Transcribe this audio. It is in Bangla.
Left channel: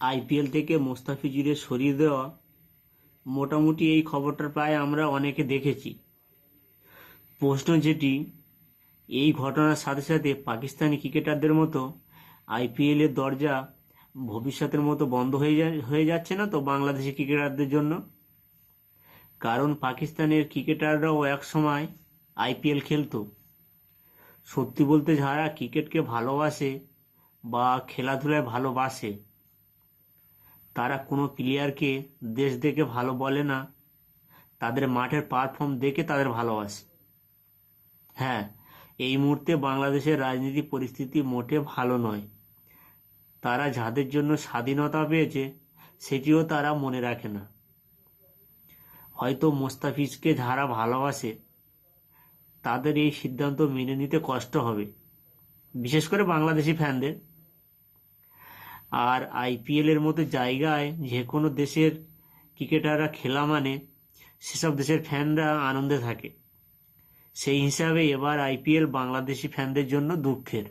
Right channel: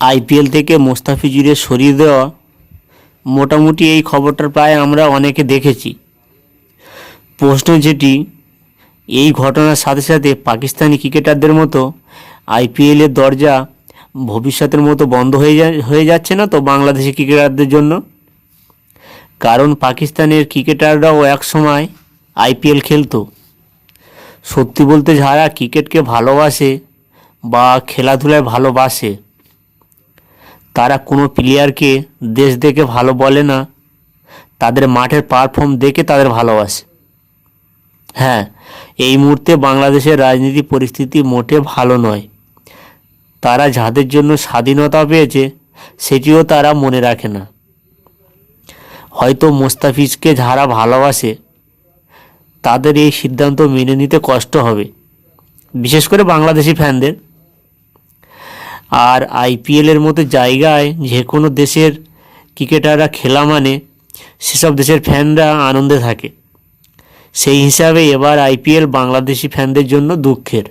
আইপিএল থেকে মোস্তাফিজুরের সরিয়ে দেওয়া, মোটামুটি এই খবরটা প্রায় আমরা অনেকে দেখেছি। প্রশ্ন যেটি, এই ঘটনার সাথে সাথে পাকিস্তানি ক্রিকেটারদের মতো আইপিএলের দরজা ভবিষ্যতের মতো বন্ধ হয়ে যাচ্ছে না তো বাংলাদেশি ক্রিকেটারদের জন্য? কারণ পাকিস্তানের ক্রিকেটাররাও এক সময় আইপিএল খেলতো। সত্যি বলতে যারা ক্রিকেটকে ভালোবাসে বা খেলাধুলায় ভালোবাসে, তারা কোনো প্লেয়ারকে দেশ দেখে ভালো বলে না, তাদের মাঠের পারফর্ম দেখে তাদের ভালোবাসে। হ্যাঁ, এই মুহূর্তে বাংলাদেশের রাজনীতি পরিস্থিতি মোটে ভালো নয়। তারা যাদের জন্য স্বাধীনতা পেয়েছে সেটিও তারা মনে রাখে না। হয়তো মোস্তাফিজকে যারা ভালোবাসে তাদের এই সিদ্ধান্ত মেনে নিতে কষ্ট হবে, বিশেষ করে বাংলাদেশি ফ্যানদের। আর আইপিএলের মতো জায়গায় যে কোনো দেশের ক্রিকেটাররা খেলা মানে সেসব দেশের ফ্যানরা আনন্দে থাকে। সেই হিসাবে এবার আইপিএল বাংলাদেশি ফ্যানদের জন্য দুঃখের।